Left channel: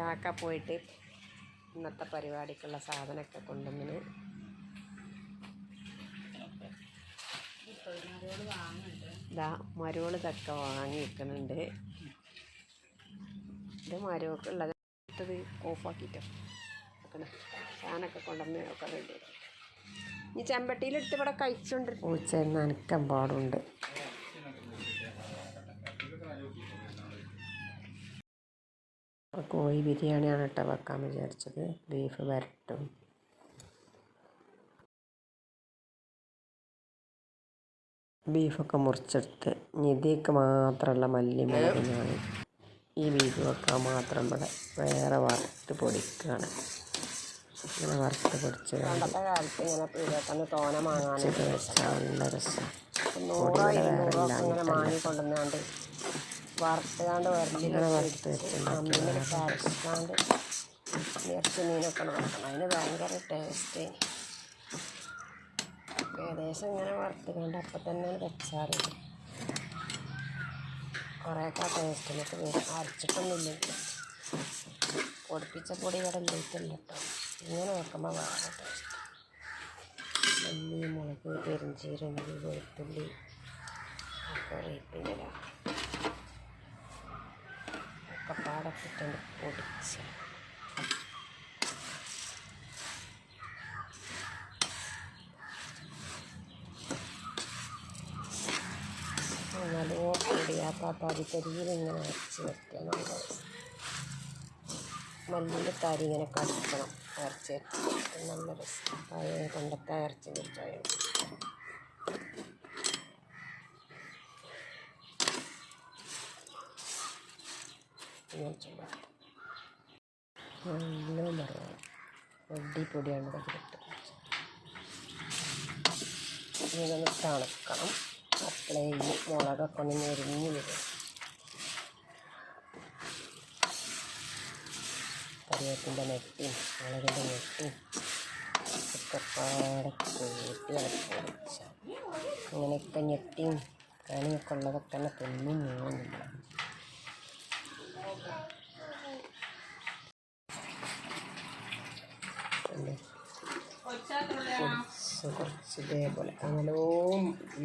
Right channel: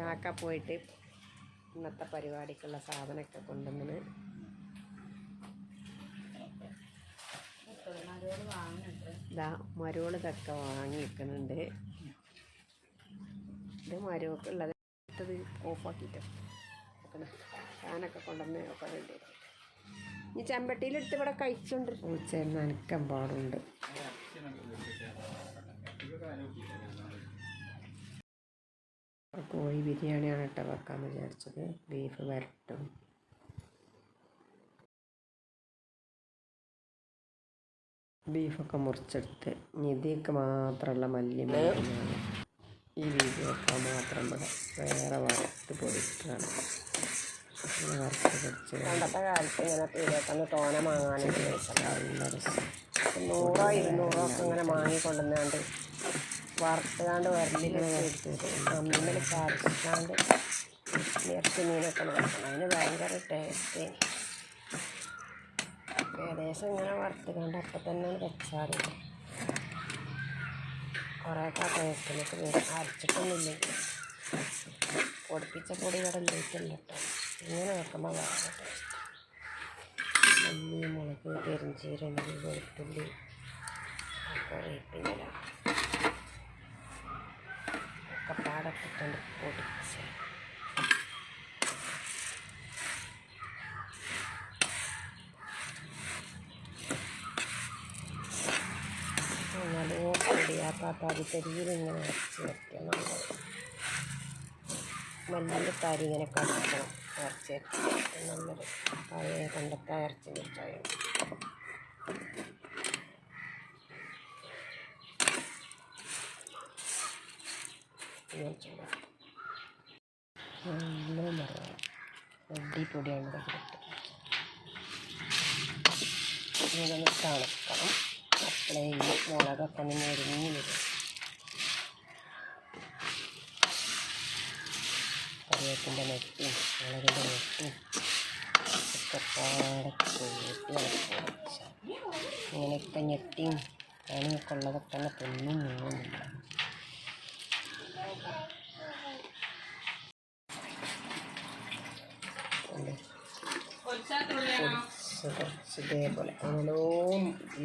കാക്ക പോയിട്ട് ഇന്നത്തെ പരിപാടിക്കുള്ള സാധനമൊക്കെ കൊണ്ടുവന്ന് ഇതാ മരോള് ചക്ക വാങ്ങിയിരിക്കുന്നുണ്ട്. ഇത് മരമൊക്കെയുള്ളത് ഇട്ടത് ഓഫാക്കിയിട്ടോ സാധനമൊക്കെ കൊണ്ടുവന്ന് ഒക്കെ റെഡി. ഇനി ചെമ്പട്ടിയിലെടുത്ത് ഇവിടെ കഴിച്ചുകൊണ്ട് പൂച്ച നനക്കാൻ പാടുണ്ട്. കോഴി ബിരിയാണിയാണ് കേട്ടോ വെക്കാൻ വിചാരിച്ചത്. ബീഫ് വരട്ടും ബീഫൊക്കെ മുറിച്ചെടുത്ത് ഇതിലേക്ക് മാത്രമുള്ള മല്ലിമുളകിനാണ് ഈ ബീഫ് വെക്കാൻ മാത്രം ഇവിടെ വേറെ വറുത്ത് പൊടിക്കുകയാണ്. ഇങ്ങനെ വറുത്ത് പൊടിച്ച് പണ്ടത്തെ കാലത്ത് ഇങ്ങനെ പീടികയിൽ തോന വാങ്ങാൻ നല്ല രസം. 100-200 ഇങ്ങനെ വാങ്ങിക്കൊണ്ടുവന്നാണ്ട് വറുത്തുകാണ്ട് വരലിങ്ങനെ വറുത്ത് അമ്മിയിൽ ചാരക്കാണ്ട് ഇറച്ചി മീനൊക്കെ വെക്കണം. അതിന് ഭയങ്കര ടേസ്റ്റ്. ഏകദേശം ഇങ്ങനെ വറുത്തുകൊണ്ട് അപ്പം തന്നെ വെച്ചാൽ കുറേയൊക്കെ ടേസ്റ്റിനൊക്കെ വരും. അരച്ചിട്ടൊന്നുമില്ലെങ്കിൽ പൊടിപ്പിച്ച പൊടി ഇവിടെ ഇല്ലിട്ടില്ല കേട്ടോ. ഇങ്ങനെ വെക്കുമ്പോൾ വേറെ ടേസ്റ്റ്. മല്ലി, മുളക്, പെരുംജീരകം, വെളുത്തുള്ളി, കറിവേപ്പില ഒക്കെ പാടത്തിട്ടുണ്ട് പൊടിച്ച് നല്ലോ പൊടിയാക്കാത്ത തരിയിലിങ്ങനെ അരച്ച് വെക്കുക. നമ്മൾ മല്ലിൻ്റെ തരി ഇങ്ങനെ കടിക്കണം. അരച്ച് നല്ല രസം. പഴയ പണ്ടത്തെ അരച്ച് വെച്ചാൽ നല്ല പറയാം. അടിപൊടിയാണ് ഇതൊക്കെ കിട്ടും. ഇതൊന്ന് തണുക്കണം. അപ്പോഴേ ഈ മുളകൊക്കെ ഒന്ന് ഞെരിഞ്ഞ് വരും. കറിവേപ്പിൻ്റെ നെട്ടിയും മുളകിൻ്റെ നെട്ടിയും ഒക്കെ പാടെ കൂട്ടി പൊടിച്ച ഇങ്ങനെയൊക്കെ ഞെട്ടിയും കണിയൊക്കെ ഉള്ളതൊക്കെ തന്നെ പൊന്നും നീങ്ങുന്നില്ല. കുറച്ച് ഇതേപോലെ നല്ലോ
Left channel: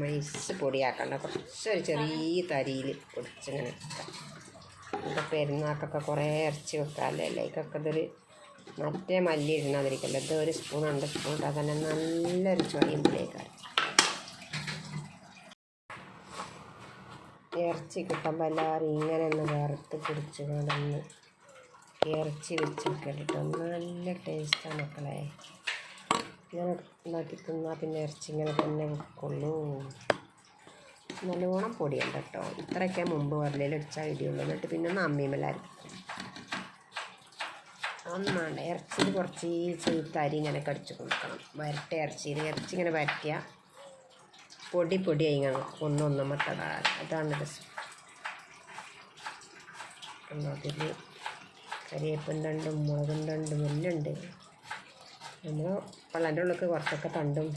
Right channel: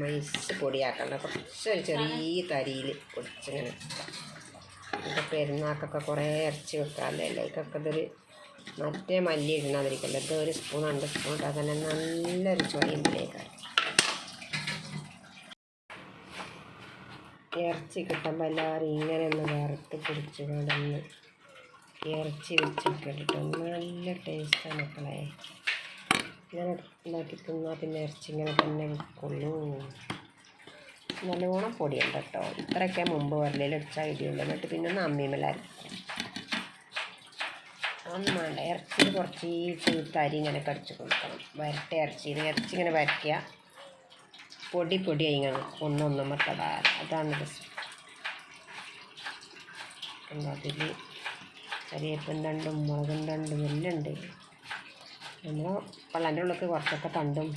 മൈസ് പൊടിയാക്കണ്ട. കുറച്ചൊരു ചെറിയ തരിയിൽ പൊടിച്ചിങ്ങനെ വെക്കാം. ഇവിടെ പെരുന്നാക്കൊക്കെ കുറേ ഇറച്ചി വെക്കാമല്ലേ. അതിലേക്കൊക്കെ ഇതൊരു മറ്റേ മല്ലി ഇടുന്നതിരിക്കല്ലോ. ഇത് 1 സ്പൂൺ 2 സ്പൂൺ ഇട്ടാൽ തന്നെ നല്ലൊരു ചൊയ്യമ്പിലേക്കാണ്. ഇറച്ചി കിട്ടുമ്പോൾ എല്ലാവരും ഇങ്ങനെ ഒന്ന് വറുത്ത് പിടിച്ച് കൊണ്ടൊന്ന് ഇറച്ചി വെച്ചൊക്കെ ഇട്ടിട്ട് നല്ല ടേസ്റ്റാണ് മക്കളെ. ഇങ്ങനെ ഉണ്ടാക്കി തിന്നാൽ പിന്നെ ഇറച്ചി ഇങ്ങനെ തന്നെ വെക്കുള്ളൂ. നല്ലോണം പൊടിയുണ്ട് കേട്ടോ. ഇത്രയൊക്കെ മുമ്പ് വരലിലടിച്ചാൽ ഇടിയുള്ളൂ. എന്നിട്ട് പിന്നെ ഒന്ന് അമ്മിമേലായിരിക്കും. അതൊന്നും വേണ്ട. ഇറച്ചിയിൽ കുറച്ച് തരി ഇങ്ങനെ കടിച്ച് കൊടുക്കണം. വരട്ടെ ഇറച്ചിയിൽ ഇറച്ചി ഇങ്ങനെ വരയ്ക്കുക. പൊടിയായി ഇങ്ങനെ ഒന്നൊന്നും മത്തടാൻ. അതാണ് രസം. അതിൽ കരിവേപ്പിൻ തണ്ടും മുളകും തണ്ടും എല്ലാം ഉണ്ട്. നമ്മൾ പള്ളൻ്റെ ഉള്ളിലേക്ക് കുറച്ചൊക്കെ തണ്ടും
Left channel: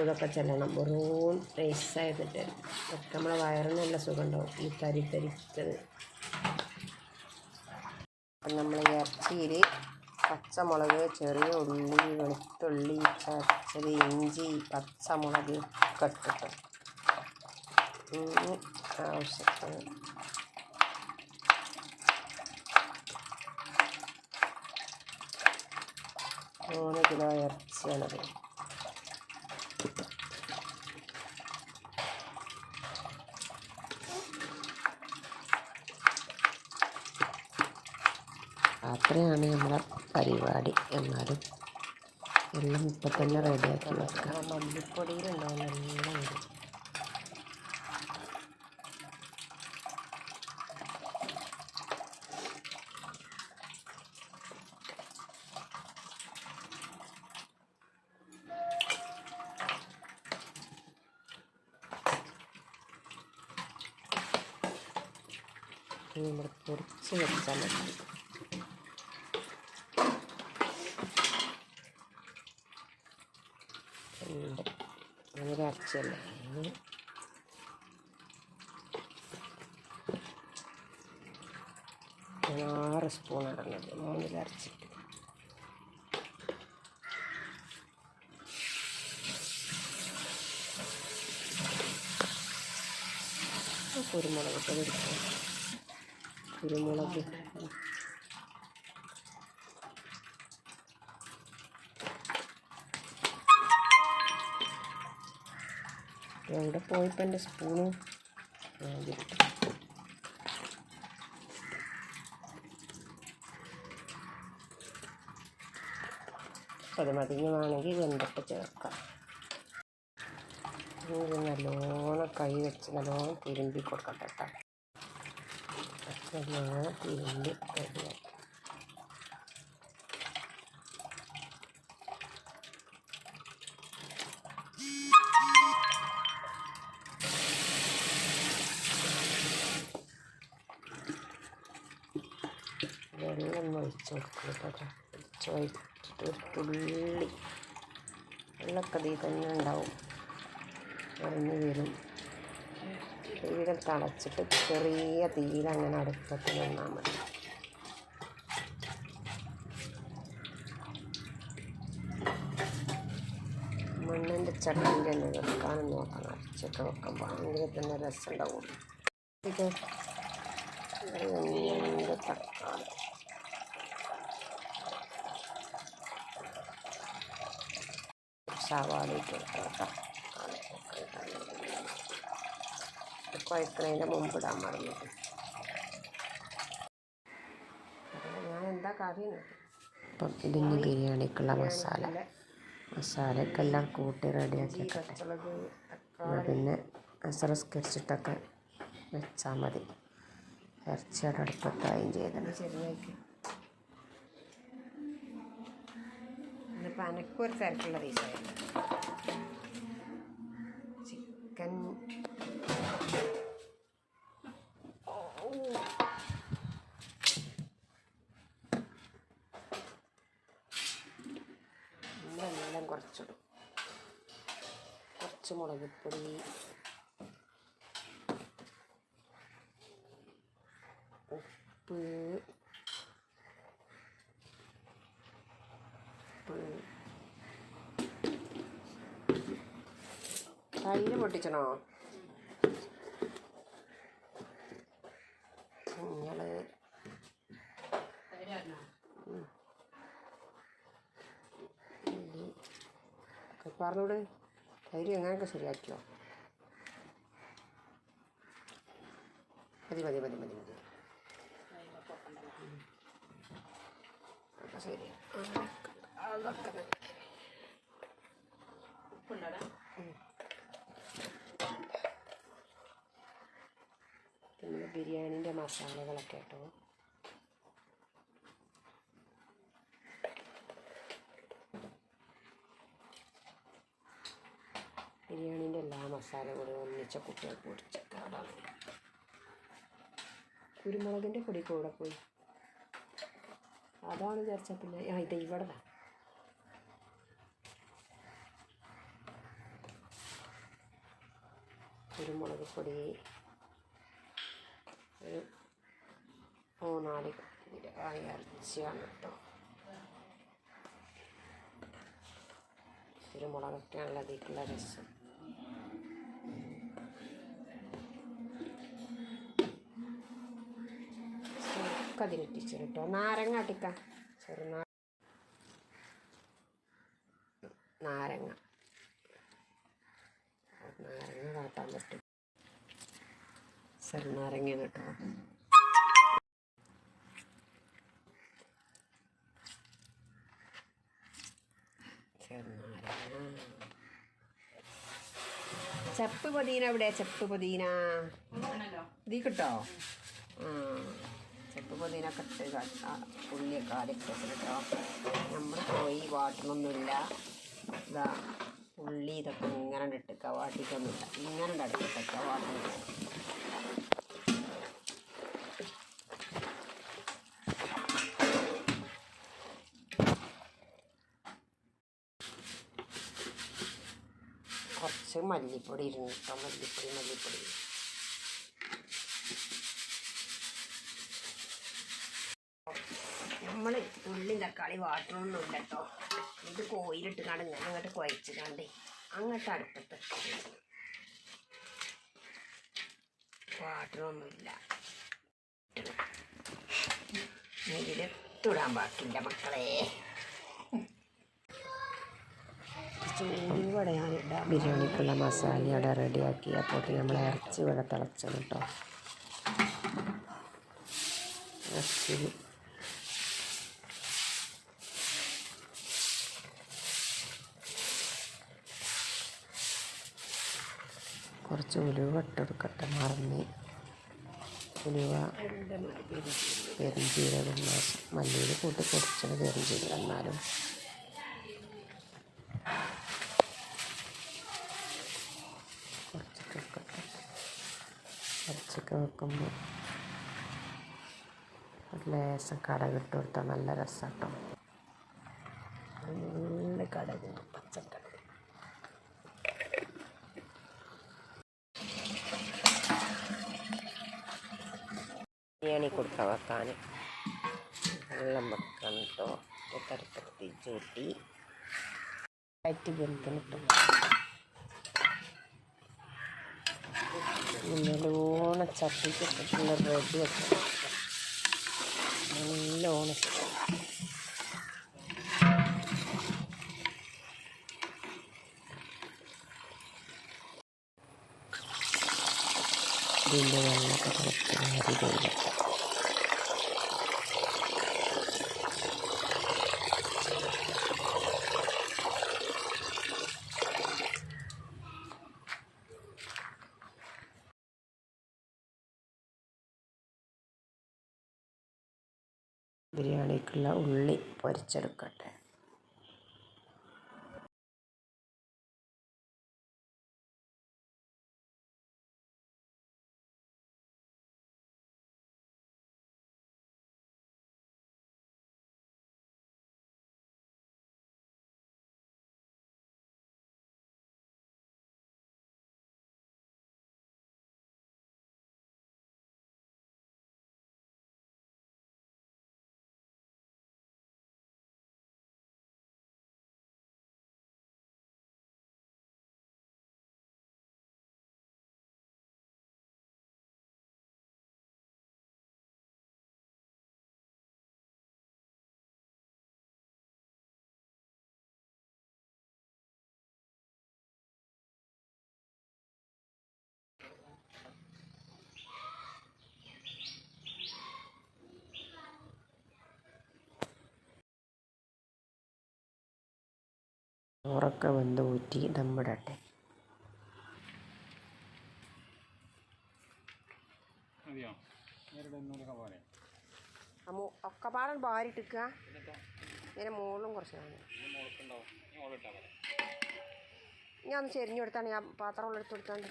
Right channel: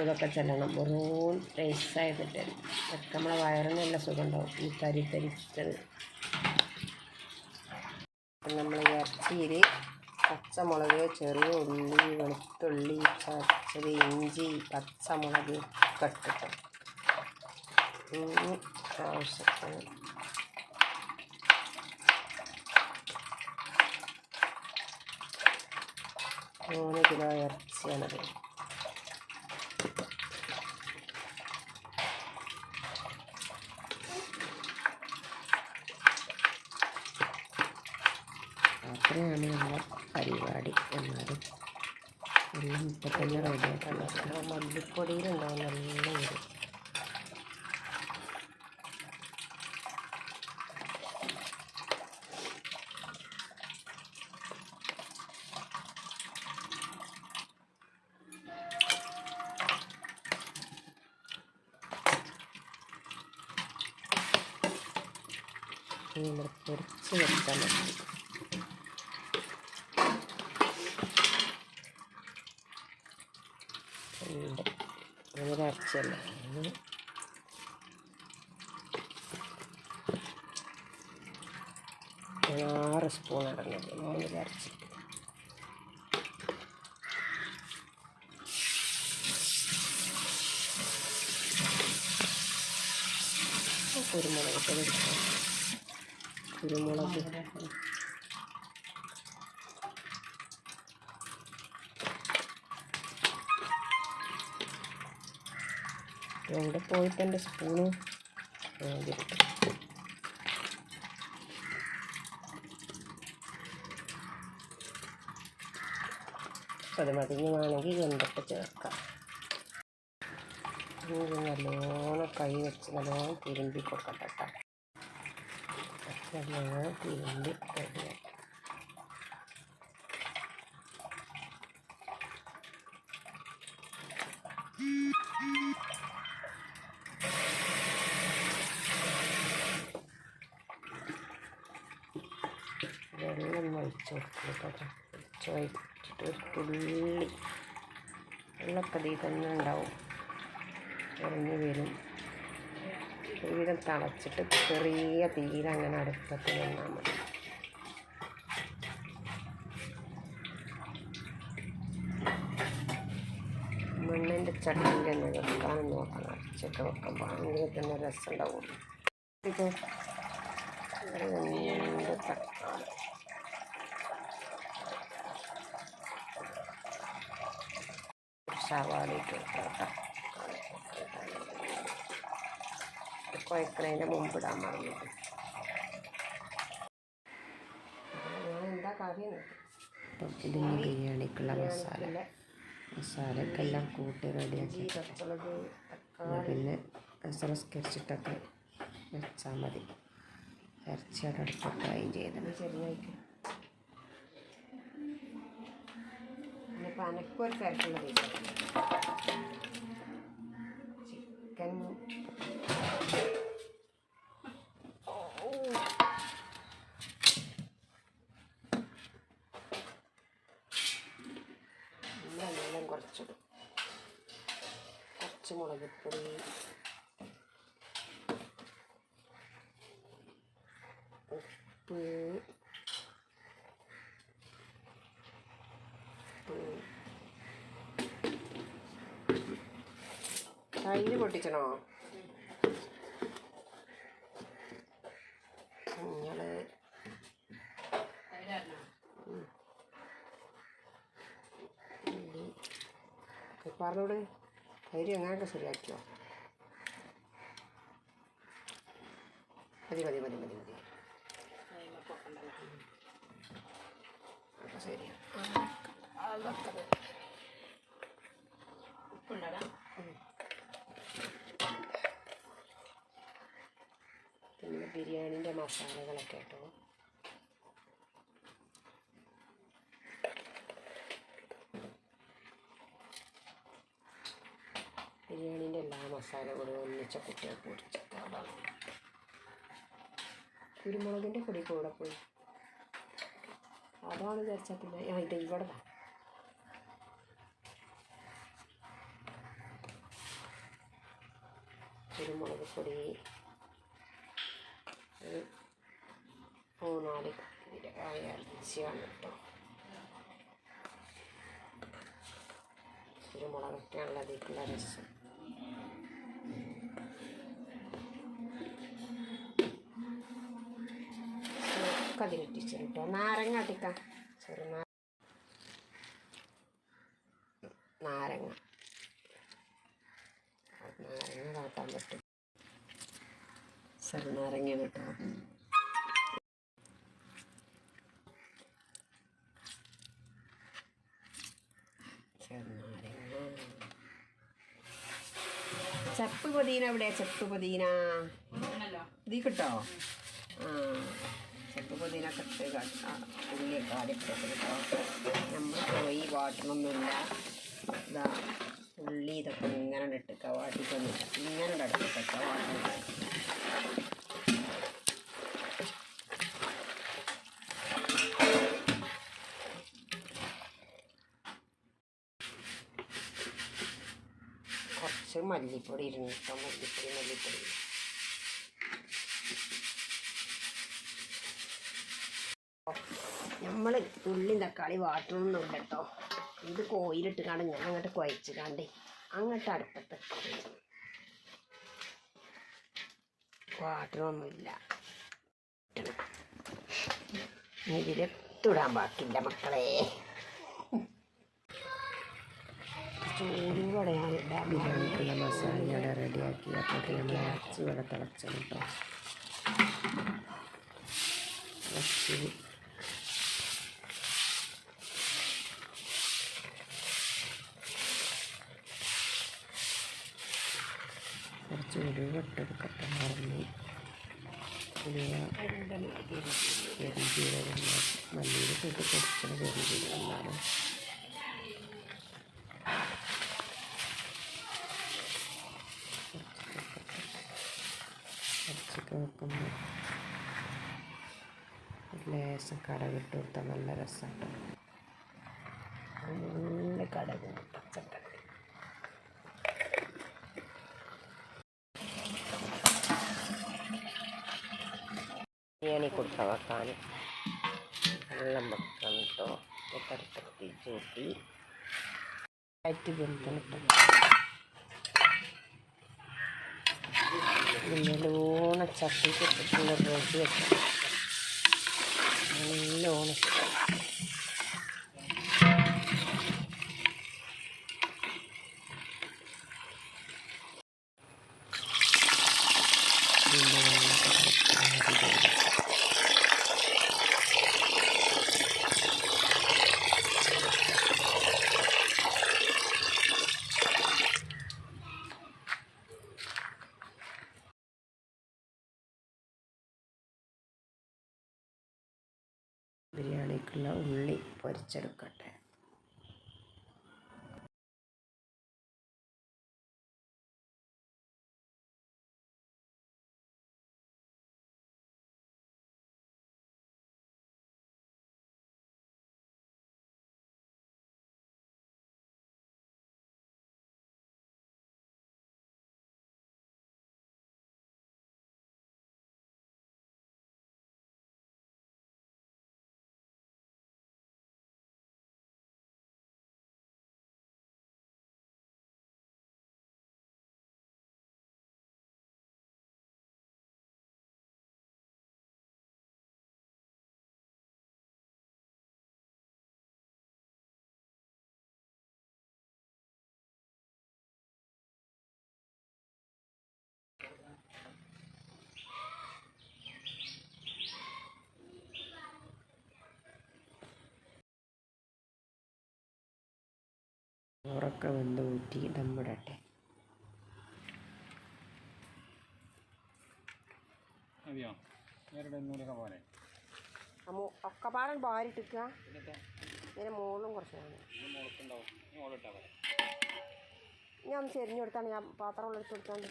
ഇതൊക്കെ ചെല്ലണം. വെറും ടേസ്റ്റായിട്ട് അതൊക്കെ നമ്മളെ വയറിന് നല്ല സുഖം ഉണ്ടാവും. ഈ തരിച്ചത് നമ്മൾ ഇറച്ചിയിൽ പച്ചമുളക്, ചെറിയ ഉള്ളി, വെളുത്തുള്ളി, ചതച്ചത്, ഇഞ്ചി, പച്ചമുളക് ഒക്കെ ഇട്ടിട്ട് ആവശ്യത്തിന് 3 കിലോ ഇറച്ചിയാണത്. അത്രയാണ് നമ്മളെ പരിപാടി. എന്നാലും എല്ലാം ഇപ്പം തന്നെ റെഡിയാക്കി വെക്കാം. മല്ലിപ്പൊടിയിലുണ്ടാവും നല്ല വരും. നമ്മൾ പൊരിച്ച് വെച്ചാൽ മതി. അങ്ങനെ അരച്ചല്ലേ 6 സ്പൂൺ ഇടുന്നത് 3 അരച്ചിട്ട്. കുരുമുളക് പൊടി എടുക്കാം. കുരുമുളക് എവിടെ പോയിപ്പോൾ എൻ്റെ സ്പൂണ് അത് മതിഞ്ഞ് വേണമെങ്കിൽ വെന്തിട്ട് ചേർക്കാം. നല്ലോണം കൈ വെച്ച് നല്ലോണം തിരുമ്പി കൊടുക്കട്ടെ കേട്ടോ. നല്ലോണം തിരുമ്പി റെഡിയാക്കി. വെള്ളം ഒഴിച്ച് കൊടുക്കുക. ഒഴിച്ചിട്ട് ഒരു തുള്ളി വെള്ളമൊക്കെ ഇതിൽ തന്നെ ഉണ്ടാവും, ഇറങ്ങി വരും. തീരെ തിളച്ചിട്ട് ചെറിയ തീരെ അങ്ങനെ അടുപ്പത്ത് നിന്നാൽ മതി. മണ്ണിൻ്റെ ചട്ടിയിൽ തന്നെ വെക്കാനും നോക്കണം. അരച്ചൊക്കെ വെക്കുമ്പോൾ എങ്കിൽ തന്നെ രസം ഉണ്ടാവുള്ളൂ. ഇത് 2 തക്കാളി, സവാള ഇട്ട് കൊടുക്കാം കേട്ടോ. കുഴക്കണതിൻ്റെ മുമ്പ് ഇടാൻ മറന്നു. ഞാൻ എന്താ കാര്യം. അപ്പം ഇതിന് ബിരിയാണിക്കുള്ള മസാലക്കെല്ലാം കൂട്ടി റെഡിയാക്കി പിന്നെ അസറസ്കരിച്ചിട്ടൊക്കെ വെച്ചാൽ മതി. ഇറച്ചിയുടെ അടുപ്പത്തായും ചെയ്തത് ചെറുതായിട്ട്. ഇന്നിപ്പോൾ അനക്കൊരു തിരക്കുള്ള ദിവസമാണ്. ചിക്കൻ വെള്ളം കുറച്ചിടും. കുറച്ച് മുളകുപ്പൊടി, ഉപ്പ്, തൈര് പൊട്ടിച്ചണോ, മഞ്ഞൾ, പറഞ്ഞോട് തൈര് അങ്ങനെയൊക്കെ ശരിയാക്കിയോ. മതി മതി മതി മതി മതി ശരി. പിന്നെ ബിരിയാണീൻ്റെ മസാലകളൊക്കെ കേട്ടോ. ബിരിയാണീൻ്റെ എല്ലാ മസാലകളും ഒന്നിച്ച കുട്ടികൾക്ക് പൊടിച്ചിട്ടാണ്. കുരുമുളകിൻ്റെ പൊടി കൂടെ പോയി അതാണ് വിചാരിച്ചാൽ പിന്നെ ഇത് ഇവിടെ കുരുമുളക് പൊടി ഒരു 3-4 ഇറച്ചിയാണ് കേട്ടോ. കുരുമുളകൊക്കെ ഉള്ളതിലേക്കുള്ള രസം. അതിലിട്ടിച്ചു കേട്ടോ. നാരങ്ങ അട്ടിക്കാം. നാരങ്ങ കാട്ടാൻ പറ്റും. ചെറുനാരങ്ങ കേട്ടോ. ചെപ്പ് പുതിന എവിടെ? ചെപ്പ് പുതിന ഇതിൽ കിട്ടോ? ചെപ്പ് പുതിനൊക്കെ ഇട്ട് ഉള്ളിയൊക്കെ ആദ്യം കേട്ടോ. നമ്മൾ പോയി വാട്ടണമൊന്നുമില്ല. ഇതാ ഉള്ളി ഇതൊക്കെ ഇങ്ങനെ ഇട്ടിക്ക, വാട്ടിക്കൊന്നുമില്ല. ഇങ്ങനെ അടുപ്പിട്ട വാട്ടണം. കുറച്ച് മല്ലിപ്പൊടി ഇരുന്നിട്ടോ. മല്ലിപ്പൊടി നമ്മൾ ഉള്ളിയും തക്കാളി വാട്ടണമൊന്നും കേട്ടോ. ഇത് കോയിലിട്ട് കാണും ഇങ്ങനെ അങ്ങോട്ട് കുഴച്ച് കണ്ടേ അങ്ങോട്ട് അടുപ്പത്ത് വാട്ടണമൊന്നുമില്ല. ഇതിലിടാൻ ബാക്കിൻ്റെ മക്കളെ ചൂടും കൂടെ ഞാനിടാം. ബിരിയാണിക്കുള്ള മസാല ഇവിടെ റെഡിയാക്കി. അപ്പോൾ നമ്മൾ ഇറച്ചി ഇവിടെ തിളച്ചത് കേട്ടോ. ഇറച്ചി കുറച്ച് ഉലുവ ഇട്ടെടുക്കട്ടെ, മറന്ന്. ഉലുവ, പെരുംജീരകം, മല്ലിയിൽ കൂട്ടി പൊടിച്ചത് പെരുംജീരകം. എന്നാലും ഇറച്ചിക്ക് വെക്കുമ്പോൾ ഒരു ലേശം കടകിട്ട് കൊടുത്താൽ നല്ല രസം കേട്ടോ. നല്ല കടക്, പച്ചക്കടക്. ബിരിയാണി കൊടുക്കാൻ വെക്കാൻ വെള്ളം വെക്കണം കേട്ടോ. തടുപ്പത്തി ചൂട്ടി ആയിട്ട് വെന്തണം. നല്ലോണം ചട്ടിക്ക് ഇട്ടിട്ടുള്ള റെഡി വെക്കണം. നല്ലോണം ഇതിൻ്റെ വെള്ളമൊക്കെ കുറച്ച് ബിരിയാണിക്കുള്ള ഉള്ളി പൊരിച്ചെടുക്കട്ടെ. ചോറൊക്കെ വെന്ത് ഊറ്റി ദമ്മിടട്ടെ. ഒക്കെ പാടം ഭാരിട്ടിക്കുക. പിന്നെ മുകളിലും കുറച്ച് കാണും. ഞാൻ ഒന്ന് ചെരിഞ്ഞു കൊടുത്താണ്. ഞാൻ പാത്രം എടുത്ത് കൊടുത്താണ്ട്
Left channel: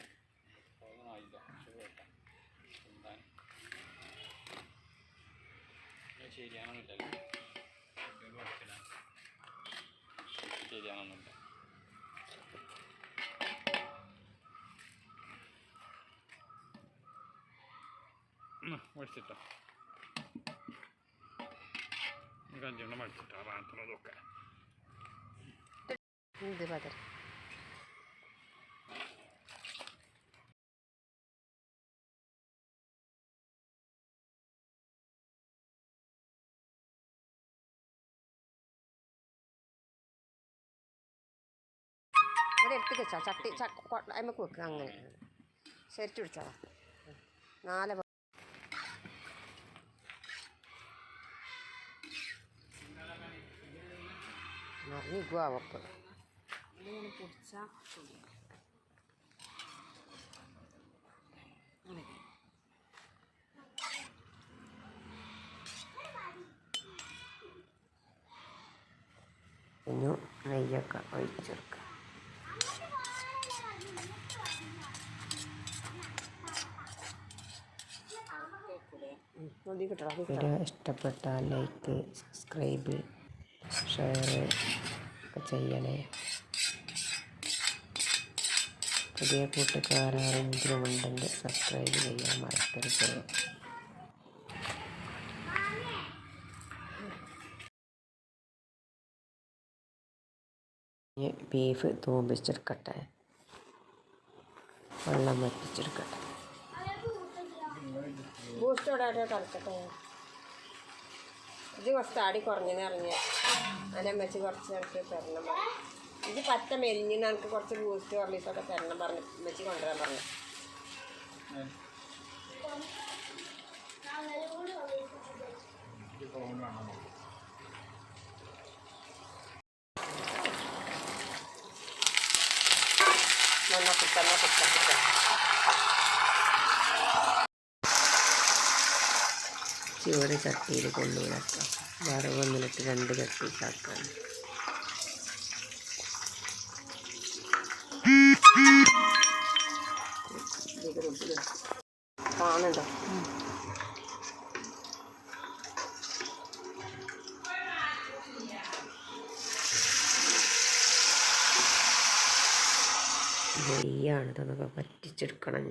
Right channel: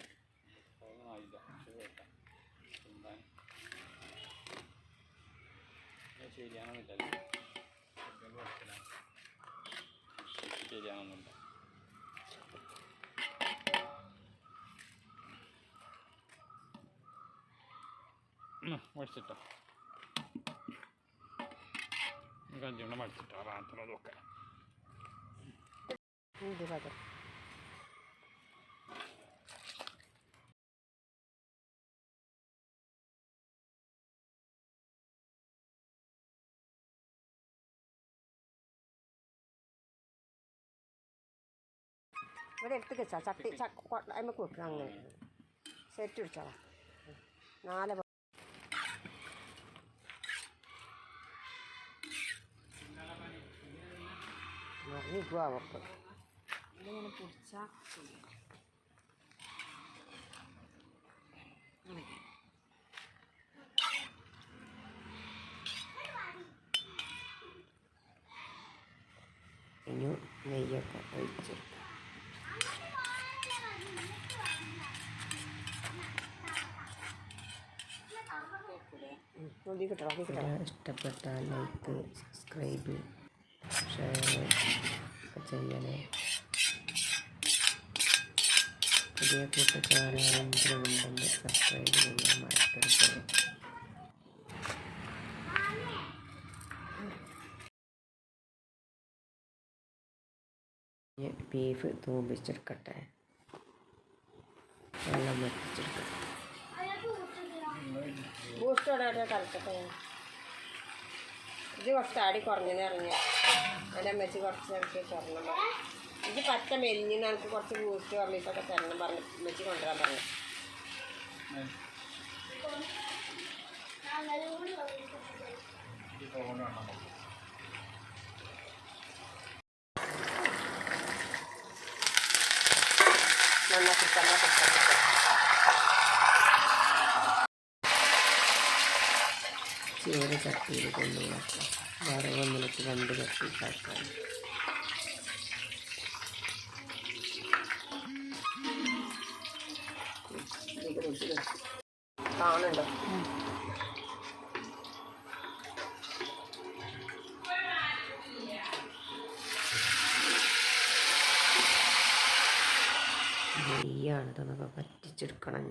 ശരിയാണെന്നുണ്ട്. മടിച്ചിട്ടോ കല്യാണം മടിച്ചിട്ടോ പാത്രമൊക്കെ ഇത് പകരം ഇവിടെ എടുത്ത് വെച്ചാൽ ചട്ടി അമ്മക്ക് വെക്കുക. അങ്ങനെ ശരിച്ചു പിടിച്ചാൽ 4 മറിഞ്ഞിക്കുക. അവർക്ക് ഇങ്ങനെ പിടിച്ചാൽ ഇനി നെയ്യൊക്കെ ഒഴിച്ചെടുക്കുക. ഇഷ്ടപ്പെട്ടാൽ ലൈക്ക്, സബ്സ്ക്രൈബ്, ഷെയർ ഒക്കെ ചെയ്യണേ. പുതിയ കൂട്ടുകാരെങ്കിലും ഉണ്ടെങ്കിൽ സബ്സ്ക്രൈബ് ചെയ്യാൻ മറക്കരുത്. ഇനി ബീഫ് തൂമ്പിച്ചെടുക്കട്ടെ, വെള്ളം വറ്റിച്ചെടുക്കട്ടെ. ബൂസ്റ്റ് ഇവിടെ കലക്കട്ടെ. ഇത് കുറച്ച് ആടി കുറഞ്ഞെന്ന് അറിഞ്ഞ അതിൻ്റെ അമ്മച്ചി കുറച്ച് എനിക്ക് തരണം പറഞ്ഞു. ഇത് പറ്റ മെലിഞ്ഞിന്ന് എനിക്ക് കുറച്ച് ബൂസ്റ്റ് കമ്മിപ്പൊക്കെ തരണം പറഞ്ഞു, അമ്മച്ചി കൊണ്ടുവരാൻ പറഞ്ഞു. ഒരു ചട്ടിയിൽ കൊണ്ടുവിളക്കാം. വറവ് വന്നിട്ട് 2 ചട്ടിയിട്ടാക്കാൻ. കാണുന്നുണ്ടോ? നെയ്യാണ് ഇതൊക്കെ പറ്റിച്ചെടുക്കണം.